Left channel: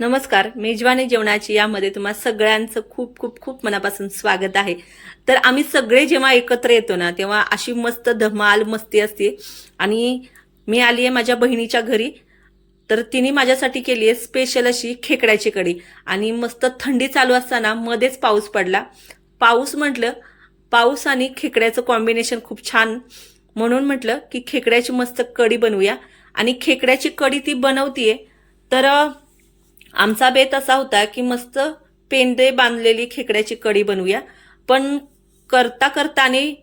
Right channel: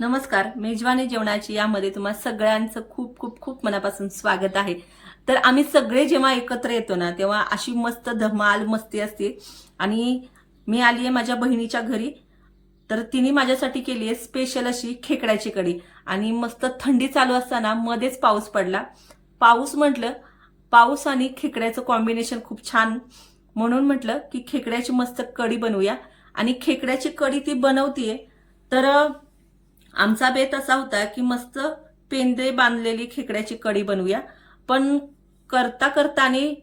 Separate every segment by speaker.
Speaker 1: नमस्कार मेजवानी जेवणाची यामध्ये तुम्हा सगळ्यांचं खूप खूप खूप मनापासून स्वागत आहे. तर आम्ही सगळे जेव्हा एकत्र येतो ना तेव्हा अशी मस्त धमाल मस्ती असते. आणि मी आली आहे माझ्या बहिणीच्या घरी. तर तिने माझ्यासाठी केली आहे स्पेशल अशी खेकड्याची कढी. आणि मस्त थंडी चालू असताना मध्येच पाऊस पडला. पाऊस म्हटलं पाऊस आणि खेकड्याचं कॉम्बिनेशन खूप छान. म्हणून म्हटलं की खेकड्याची मस्त कढी बनवूया. आणि खेकड्याची कढी ती बनवतीये. तर आमचा बेत असा होता की मस्त पेंदे बांधलेली खेकड्याची कढी बनवूया. पण करता करता आणि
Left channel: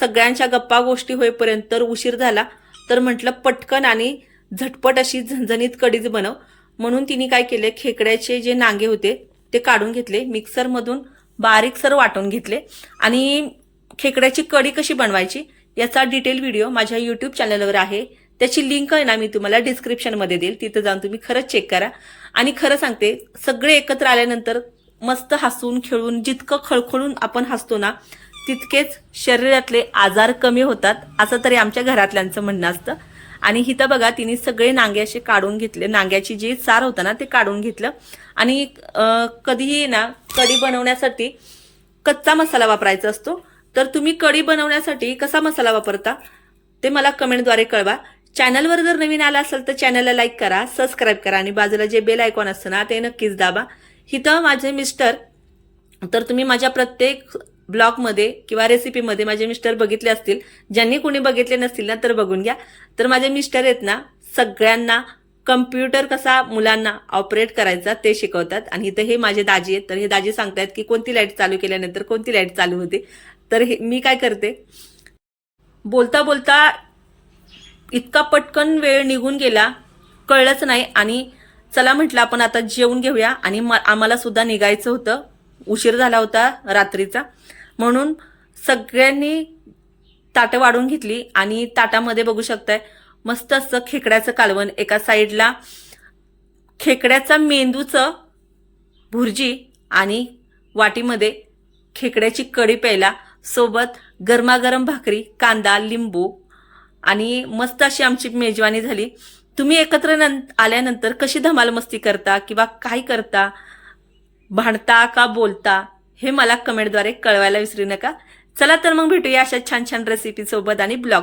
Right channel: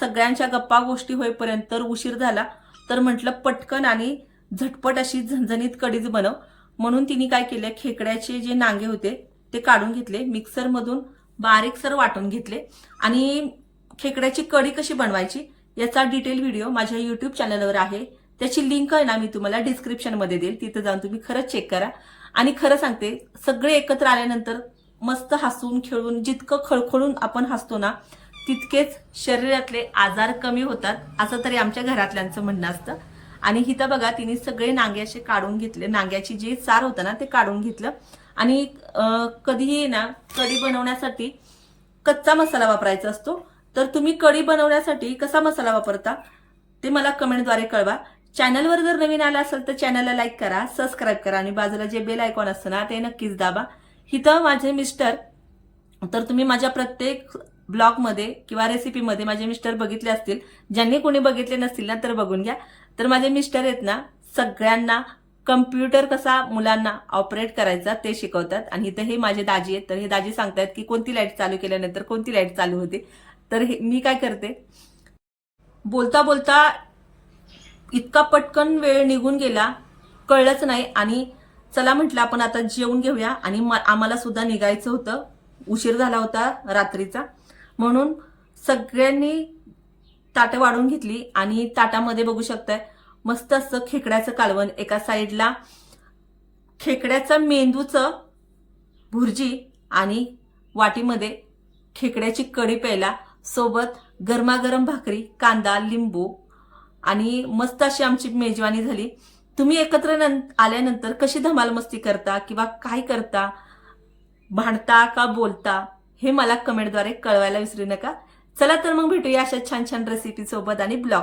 Speaker 1: सगळ्यांच्या गप्पा गोष्टी होईपर्यंत तर उशीर झाला. तर म्हटलं पटकन आणि झटपट अशी झणझणीत कढीच बनव. म्हणून तिने काय केले खेकड्याचे जे नांगे होते ते काढून घेतले. मिक्सरमधून बारीकसर वाटून घेतले. आणि खेकड्याची कढी कशी बनवायची याचा डिटेल व्हिडिओ माझ्या यूट्यूब चॅनलवर आहे. त्याची लिंक आहे ना मी तुम्हाला डिस्क्रिप्शनमध्ये देईल. तिथं जाऊन तुम्ही खरंच चेक करा. आणि खरं सांगते सगळे एकत्र आल्यानंतर मस्त हसून खेळून जितकं खळखळून आपण हसतो ना तितकेच शरीरातले आजार कमी होतात असं तरी आमच्या घरातल्यांचं म्हणणं असतं. आणि इथं बघा तिने सगळे नांगे असे काढून घेतले नांग्याची जी सार होतं ना ते काढून घेतलं. आणि कधीही ना कढी बनवण्यासाठी कच्चा मसाला वापरायचा असतो. तर तुम्ही कढी बनवण्यासाठी कसा मसाला वापरता ते मला कमेंटद्वारे कळवा. चॅनलवर जर नवीन आला असेल तर चॅनलला लाईक करा सबस्क्राईब करा आणि बाजूला जे बेल आयकॉन असतं ना ते नक्कीच दाबा. इथं माझे मिस्टर तर तुम्ही माझ्या प्रत्येक ब्लॉगमध्ये किंवा रेसिपीमध्ये माझे मिस्टर बघितले असतील ज्यांनी कोणी बघितले नसतील ना तर बघून घ्या. तर माझे मिस्टर आहेत ना सगळ्यांना कम्प्युटर कसा मुलांना ऑपरेट करायचा ते शिकवतात. आणि इथं हे माझे दाजी आहेत. तर हे दाजी सांगतायत की कोणती लाइट चालू केल्यानंतर कोणती लाइट चालू होते. तर हे मी काय करते? बोलता बोलता इतका पटकन वेळ निघून गेला कळलंच नाही. आणि चला म्हटलं आपण आता जेवून घेऊया. आणि म- आम्हाला सुद्धा निघायचं होतं. उशीर झाला होता रात्रीचा. म्हणून सगळ्यांनी ताटं वाढून घेतली. आणि ताटामध्ये बघू शकताय मस्त असं खेकड्याचं कालवण. एका साईडला खेकड्याचा मेंदूचं भुर्जी आणि वाटीमध्ये खेकड्याची कढी प्यायला. सोबत गरमागरम भाकरी कांदा लिंबू आणि मस्त अशी आमची मेजवानी झाली. तुम्ही एकत्र नं आल्यानंतर कशी धमाल मस्ती करता किंवा काय करता? भांडता का बोलता? हे मला कमेंटद्वारे कळवायला विसरू नका. चला तर मग भेटूया अशा छान छान रेसिपीसोबत आणि ब्लॉग